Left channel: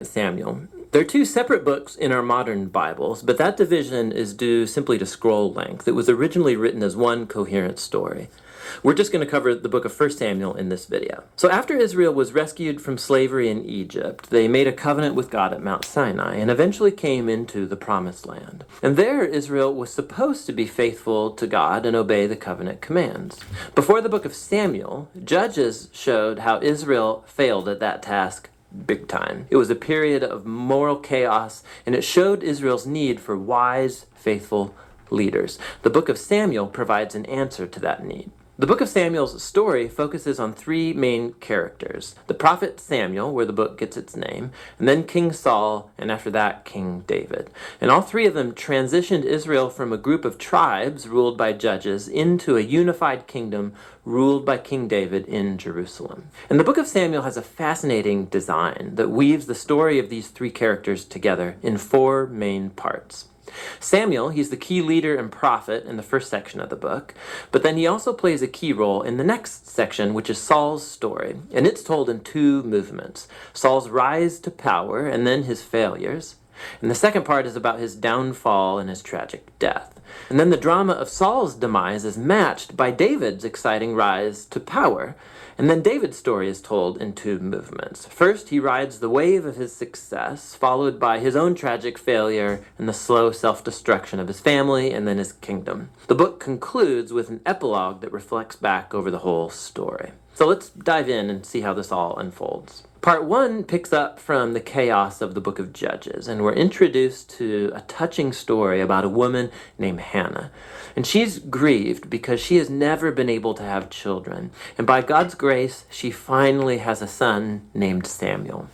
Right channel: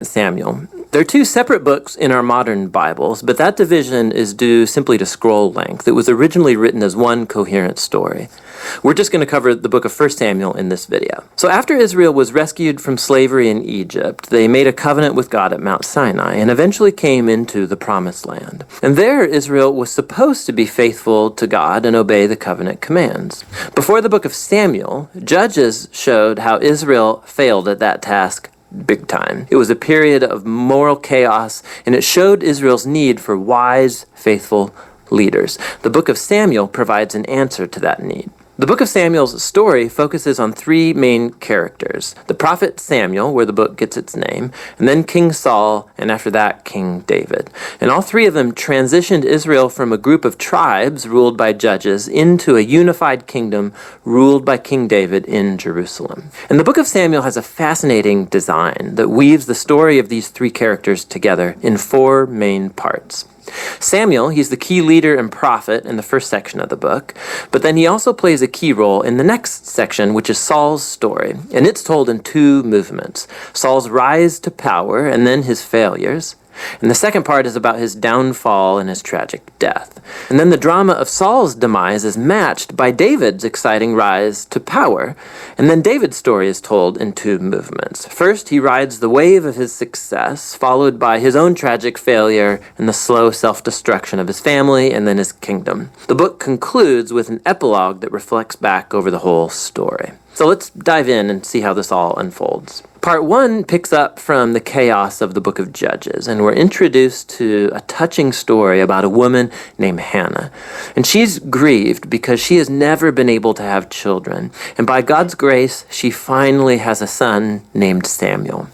Samuel. There are two separate books in our modern Bibles, but that division is due simply to scroll length. It was originally written as one coherent story. We're just going to cover the book of 1 Samuel in this video. So after Israel was rescued from slavery in Egypt, they made a covenant with God at Mount Sinai and eventually came into the Promised Land. And there, Israel was supposed to be faithful to God and obey the covenant commands. Before the book of Samuel, Judges showed how Israel failed at that task big time. It was a period of moral chaos, and it showed Israel's need for wise, faithful leaders. The book of Samuel provides an answer to that need. The book of Samuel's story focuses on three main characters: the prophet Samuel, where the book gets its name, and then King Saul, and after that, King David. And all three of them transitioned Israel from a group of tribes ruled by judges into a unified kingdom ruled by King David in Jerusalem. And the book of Samuel has a fascinating design that weaves the story of these three characters together in four main parts. Samuel, he's the key leader and prophet in the first section of the book, but then he also plays a key role in the next section, which is Saul's story, and it's told in two movements: Saul's rise to power and then his failures. And the second part is about his downfall and his tragic death. And then the drama of Saul's demise is matched by David's exciting rise to power. And then David's story is told in two movements. First, he rides the wave of his success, followed by his own tragic failure and the slow self-destruction of his family and then his kingdom. The book concludes with an epilogue that reflects back over the whole story. So let's dive in and see how this all unfolds. Part 1 picks up from the chaos of the book of Judges, and we're introduced to a touching story about a woman named Hannah. And she's grieved because she has never been able to have children. And by God's grace, she finally has a son named Samuel.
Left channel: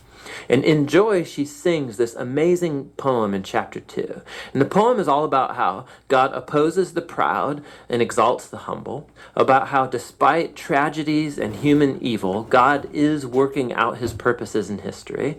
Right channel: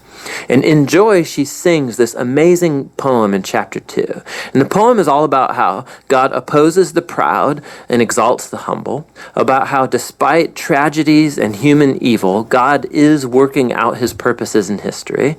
And in joy, she sings this amazing poem in chapter 2. And the poem is all about how God opposes the proud and exalts the humble, about how despite tragedies and human evil, God is working out his purposes in history.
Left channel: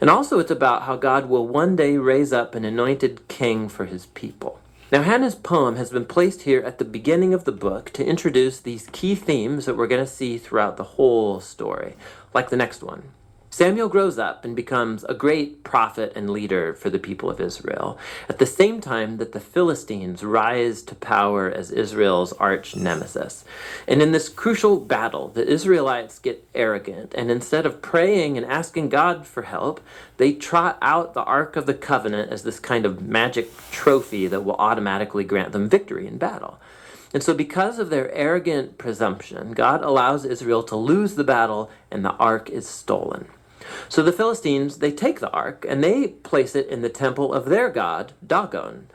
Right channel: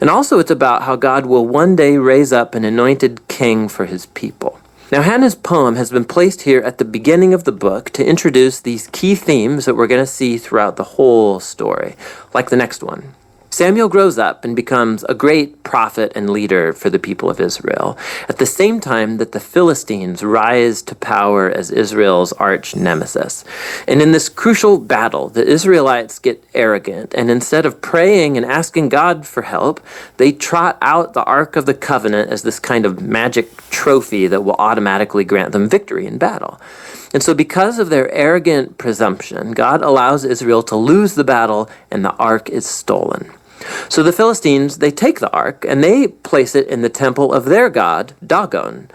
And also it's about how God will one day raise up an anointed king for his people. Now, Hannah's poem has been placed here at the beginning of the book to introduce these key themes that we're going to see throughout the whole story, like the next one. Samuel grows up and becomes a great prophet and leader for the people of Israel, at the same time that the Philistines rise to power as Israel's arch nemesis. And in this crucial battle, the Israelites get arrogant, and instead of praying and asking God for help, they trot out the Ark of the Covenant as this kind of magic trophy that will automatically grant them victory in battle. And so because of their arrogant presumption, God allows Israel to lose the battle, and the Ark is stolen. So the Philistines, they take the ark and they place it in the temple of their god, Dagon.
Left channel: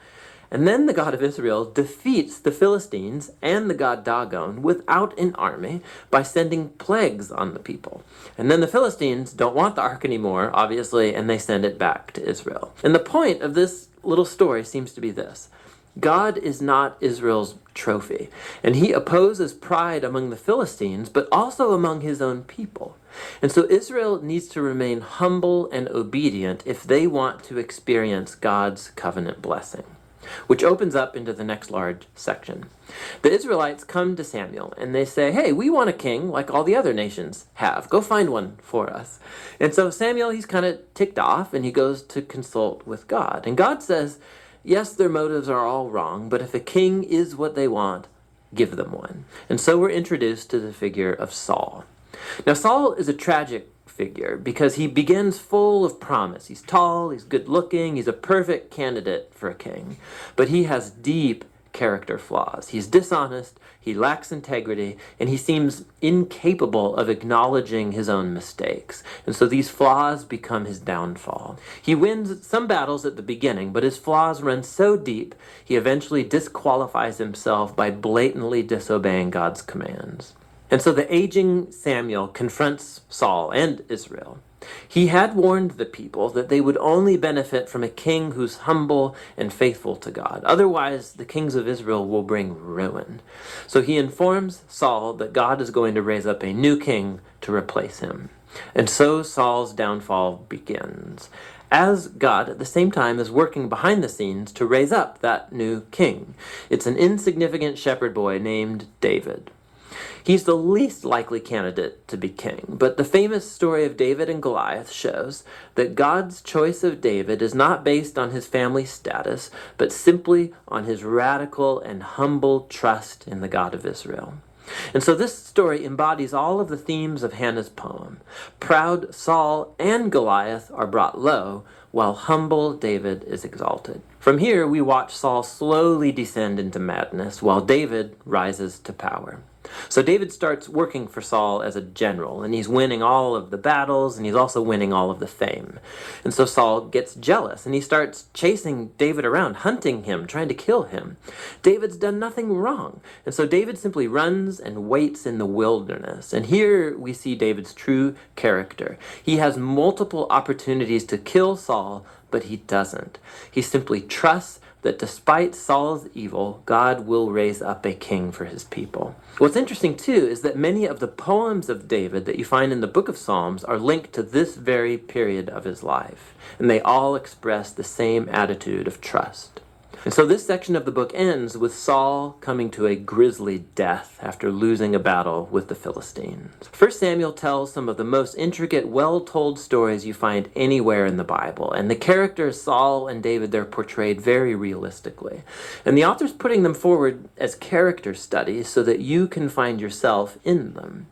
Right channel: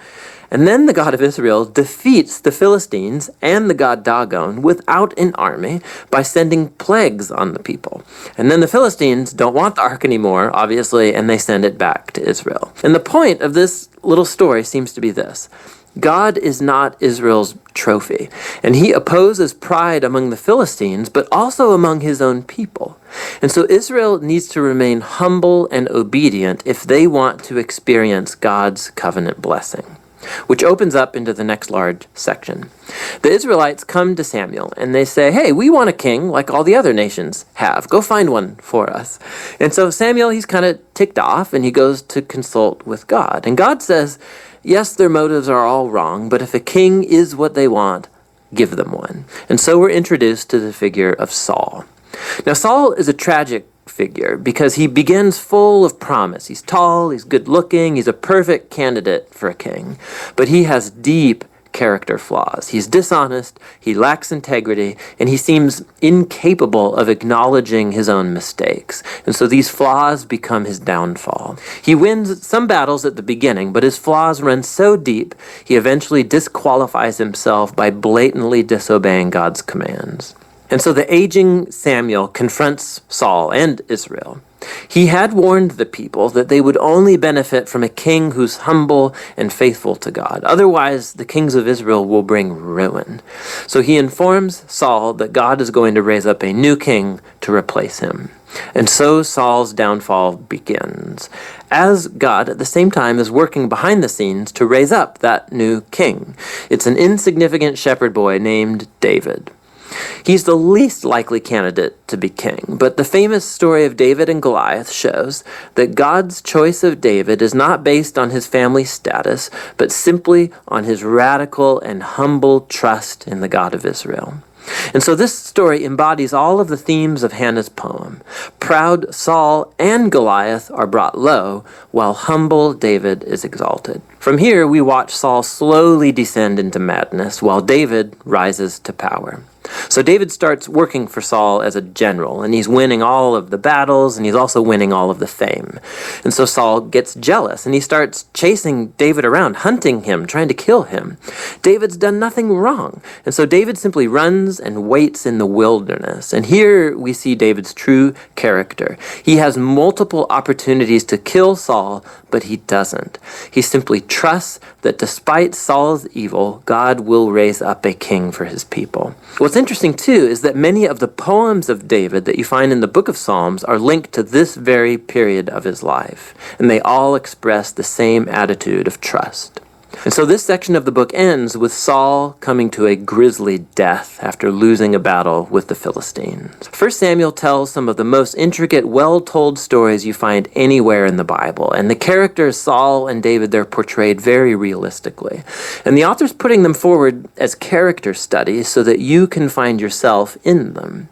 And then the God of Israel defeats the Philistines and the god Dagon without an army by sending plagues on the people. And then the Philistines don't want the ark anymore, obviously, and they send it back to Israel. And the point of this little story seems to be this: God is not Israel's trophy, and he opposes pride among the Philistines, but also among his own people. And so Israel needs to remain humble and obedient if they want to experience God's covenant blessing, which opens up into the next large section. The Israelites come to Samuel and they say, "Hey, we want a king like all the other nations have. Go find one for us." And so Samuel, he's kind of ticked off and he goes to consult with God. And God says, yes, their motives are all wrong, but if a king is what they want, give them one. And so we're introduced to the figure of Saul. Now, Saul is a tragic figure because he begins full of promise. He's tall, he's good-looking, he's a perfect candidate for a king, but he has deep character flaws. He's dishonest, he lacks integrity, and he seems incapable of acknowledging his own mistakes. And so these flaws become his downfall. He wins some battles at the beginning, but his flaws run so deep, he eventually disqualifies himself by blatantly disobeying God's commands. And so the aging Samuel confronts Saul and Israel. He had warned the people that they would only benefit from a king who's humble and faithful to God. Otherwise, the kings of Israel will bring ruin. So he informs Saul that God is going to raise up a new king to replace him. And so Saul's downfall begins, as God at the same time is working behind the scenes to raise up that new king. It's an insignificant shepherd boy named David. He's the least likely candidate to be king, but the famous story of David and Goliath shows that God's choice of David is not based on his family status, but simply on his radical and humble trust in the God of Israel. And so this story embodies all of the themes of Hannah's poem. Proud Saul and Goliath are brought low, while humble David is exalted. From here, we watch Saul slowly descend into madness, while David rises to power. So David starts working for Saul as a general, and he's winning all of the battles, and he's also winning all of the fame. And so Saul gets jealous, and he starts chasing David around, hunting him, trying to kill him. David's done nothing wrong, and so David simply runs and waits in the wilderness. And here we see David's true character. He has multiple opportunities to kill Saul, but he doesn't. He simply trusts that despite Saul's evil, God will raise up a king for his people. What's interesting, too, is that many of the poems of David that you find in the book of Psalms are linked to this very period of his life, and they all express the same attitude of trust. And so this section of the book ends with Saul coming to a grisly death after losing a battle with the Philistines. 1 Samuel tells some of the most intricate, well-told stories you find anywhere in the Bible. And the characters Saul and David, they're portrayed very realistically. And the author's putting them forward as character studies so that you can find yourself in them.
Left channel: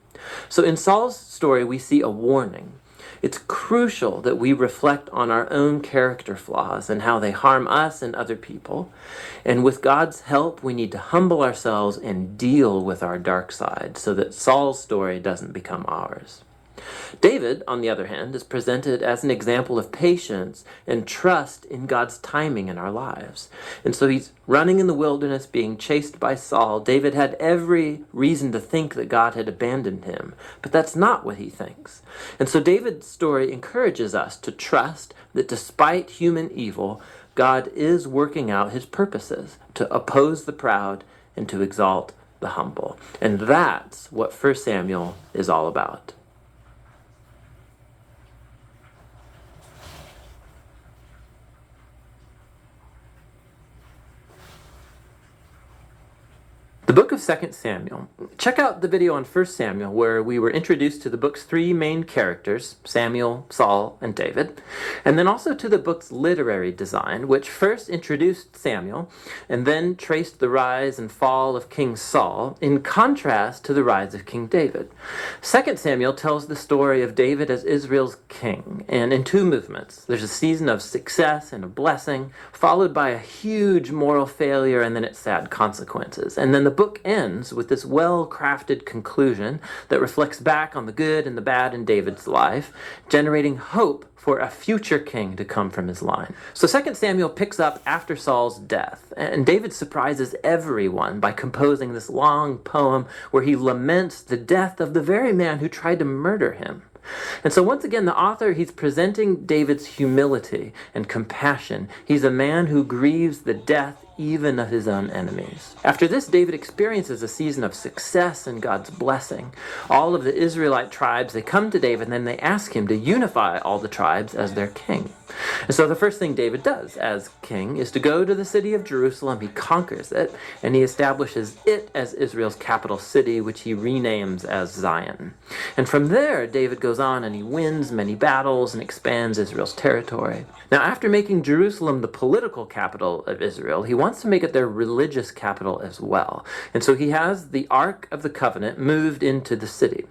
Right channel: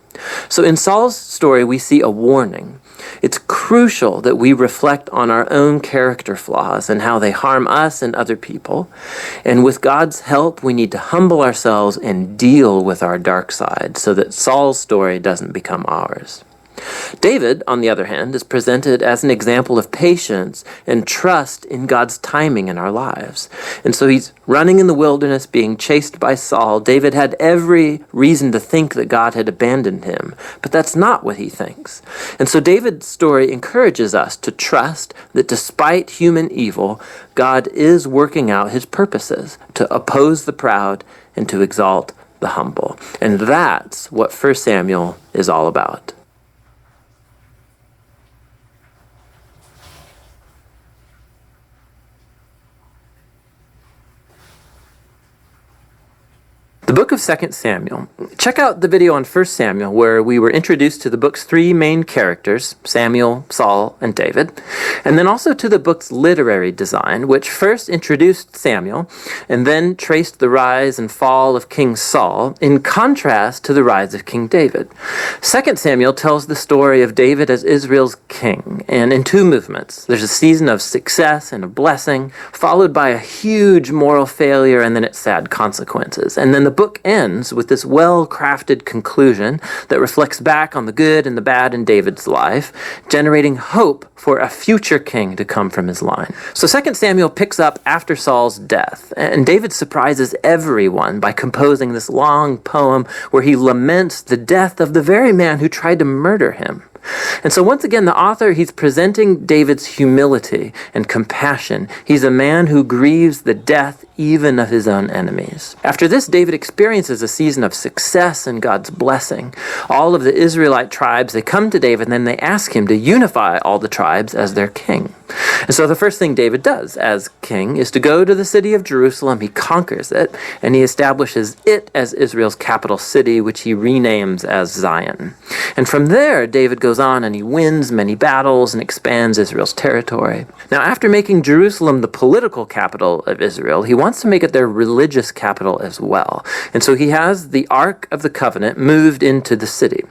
So in Saul's story, we see a warning. It's crucial that we reflect on our own character flaws and how they harm us and other people. And with God's help, we need to humble ourselves and deal with our dark side so that Saul's story doesn't become ours. David, on the other hand, is presented as an example of patience and trust in God's timing in our lives. And so he's running in the wilderness, being chased by Saul. David had every reason to think that God had abandoned him, but that's not what he thinks. And so David's story encourages us to trust that despite human evil, God is working out his purposes to oppose the proud and to exalt the humble. And that's what 1 Samuel is all about. The book of 2 Samuel. Check out the video on 1 Samuel where we were introduced to the book's three main characters, Samuel, Saul, and David, and then also to the book's literary design, which first introduced Samuel and then traced the rise and fall of King Saul in contrast to the rise of King David. 2 Samuel tells the story of David as Israel's king, and in two movements. There's a season of success and a blessing, followed by a huge moral failure and then its sad consequences. And then the book ends with this well-crafted conclusion that reflects back on the good and the bad in David's life, generating hope for a future king to come from his line. So 2 Samuel picks up after Saul's death, and David surprises everyone by composing this long poem where he laments the death of the very man who tried to murder him. And so once again, the author, he's presenting David's humility and compassion. He's a man who grieves the death even of his own enemies. After this, David experiences a season of success and God's blessing. All of the Israelite tribes, they come to David and then they ask him to unify all the tribes as their king. And so the first thing David does as king is to go to the city of Jerusalem. He conquers it, and he establishes it as Israel's capital city, which he renames as Zion. And from there, David goes on and he wins many battles and expands Israel's territory. Now, after making Jerusalem the political capital of Israel, he wants to make it their religious capital as well. And so he has the Ark of the Covenant moved into the city.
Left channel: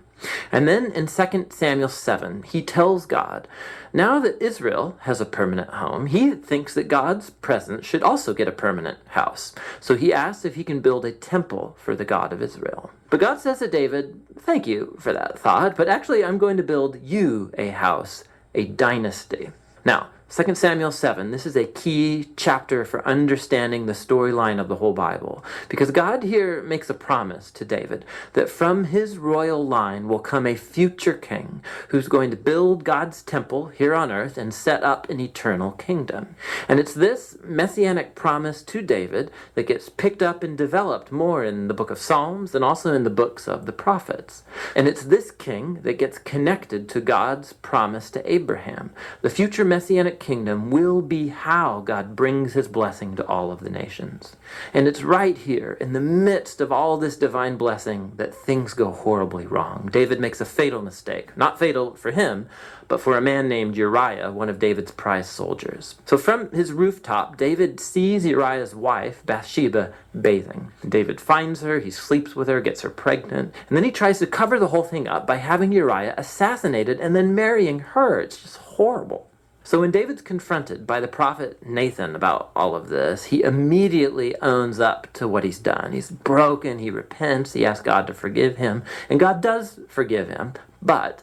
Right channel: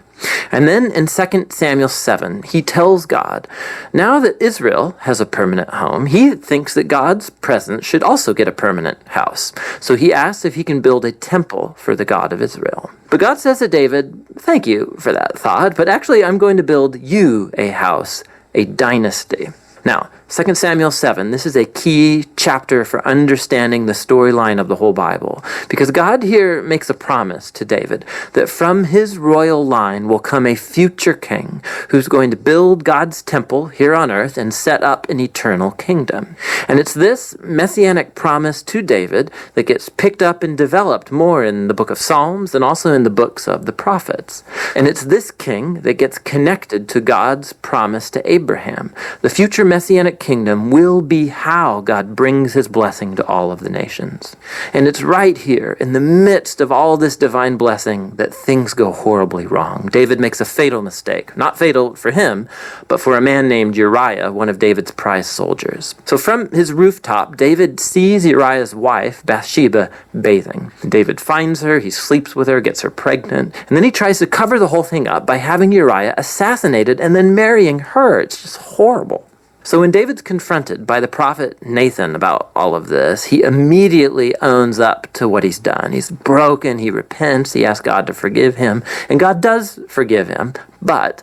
And then in 2 Samuel 7, he tells God, now that Israel has a permanent home, he thinks that God's presence should also get a permanent house. So he asks if he can build a temple for the God of Israel. But God says to David, thank you for that thought, but actually I'm going to build you a house, a dynasty. Now, 2 Samuel 7, this is a key chapter for understanding the storyline of the whole Bible, because God here makes a promise to David that from his royal line will come a future king who's going to build God's temple here on earth and set up an eternal kingdom. And it's this messianic promise to David that gets picked up and developed more in the book of Psalms and also in the books of the prophets. And it's this king that gets connected to God's promise to Abraham. The future messianic kingdom will be how God brings his blessing to all of the nations. And it's right here, in the midst of all this divine blessing, that things go horribly wrong. David makes a fatal mistake. Not fatal for him, but for a man named Uriah, one of David's prize soldiers. So from his rooftop, David sees Uriah's wife, Bathsheba, bathing. David finds her, he sleeps with her, gets her pregnant, and then he tries to cover the whole thing up by having Uriah assassinated and then marrying her. It's just horrible. So when David's confronted by the prophet Nathan about all of this, he immediately owns up to what he's done. He's broken, he repents, he asks God to forgive him, and God does forgive him, but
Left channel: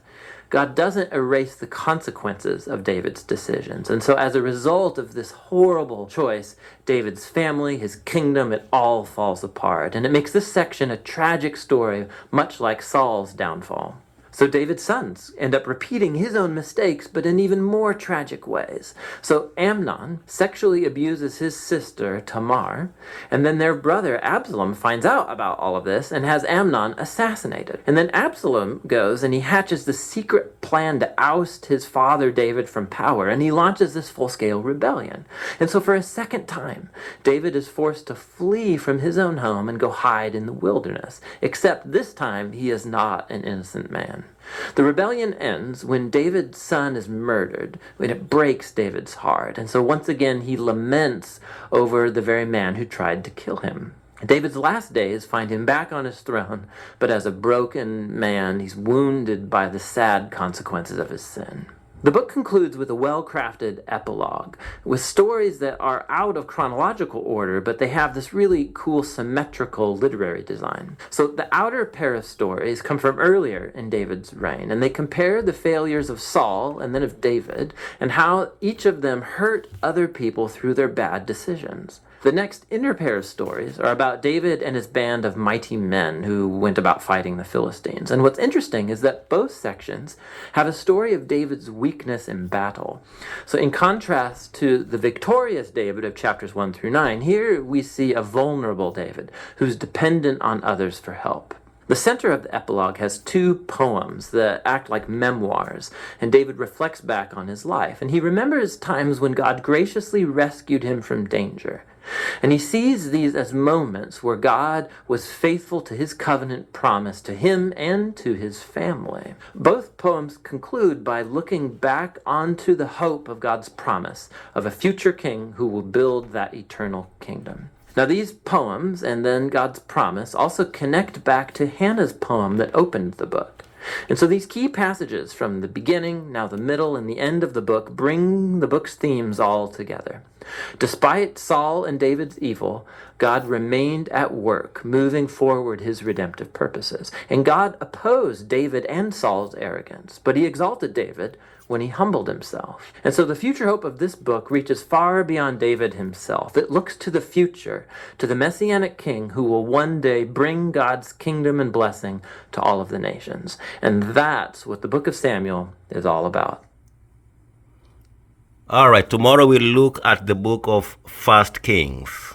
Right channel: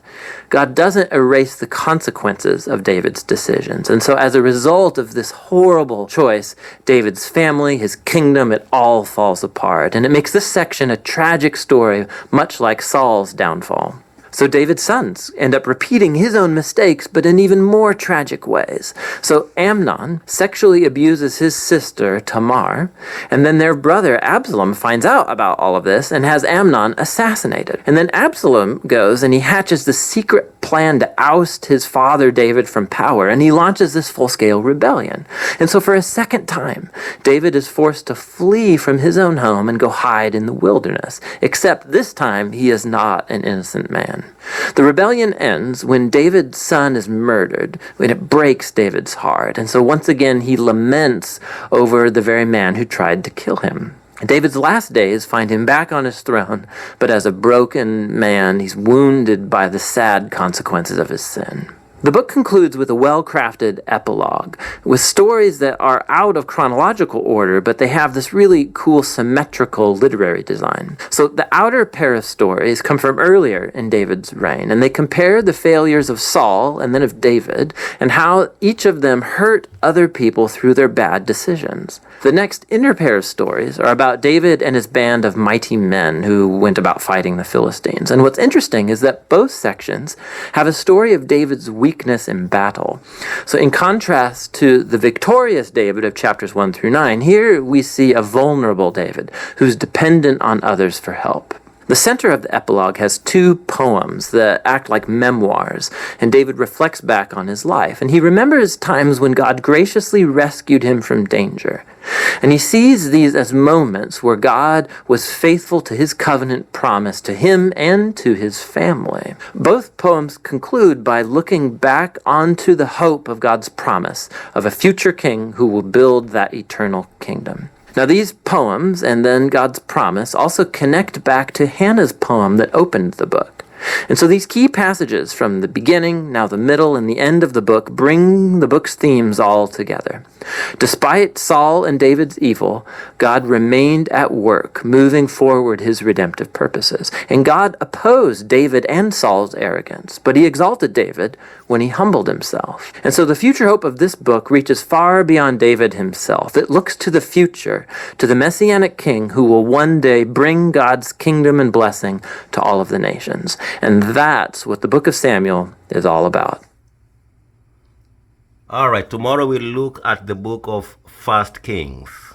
God doesn't erase the consequences of David's decisions. And so as a result of this horrible choice, David's family, his kingdom, it all falls apart. And it makes this section a tragic story, much like Saul's downfall. So David's sons end up repeating his own mistakes, but in even more tragic ways. So Amnon sexually abuses his sister Tamar, and then their brother Absalom finds out about all of this and has Amnon assassinated. And then Absalom goes and he hatches the secret plan to oust his father David from power, and he launches this full-scale rebellion. And so for a second time, David is forced to flee from his own home and go hide in the wilderness, except this time he is not an innocent man. The rebellion ends when David's son is murdered, when it breaks David's heart. And so once again, he laments over the very man who tried to kill him. David's last days find him back on his throne, but as a broken man, he's wounded by the sad consequences of his sin. The book concludes with a well-crafted epilogue, with stories that are out of chronological order, but they have this really cool symmetrical literary design. So the outer pair of stories come from earlier in David's reign, and they compare the failures of Saul and then of David, and how each of them hurt other people through their bad decisions. The next inner pair of stories are about David and his band of mighty men who went about fighting the Philistines. And what's interesting is that both sections have a story of David's weakness in battle. So in contrast to the victorious David of chapters 1 through 9, here we see a vulnerable David who's dependent on others for help. The center of the epilogue has two poems that act like memoirs, and David reflects back on his life. And he remembers times when God graciously rescued him from danger. And he sees these as moments where God was faithful to his covenant promise to him and to his family. Both poems conclude by looking back onto the hope of God's promise of a future king who will build that eternal kingdom. Now these poems, and then God's promise, also connect back to Hannah's poem that opened the book. And so these key passages from the beginning, now the middle, and the end of the book bring the book's themes all together. Despite Saul and David's evil, God remained at work, moving forward his redemptive purposes. And God opposed David and Saul's arrogance, but he exalted David when he humbled himself. And so the future hope of this book reaches far beyond David himself. It looks to the future, to the Messianic King who will one day bring God's kingdom and blessing to all of the nations. And that's what the book of Samuel is all about. All right, tomorrow we'll look at the book of 1 Kings.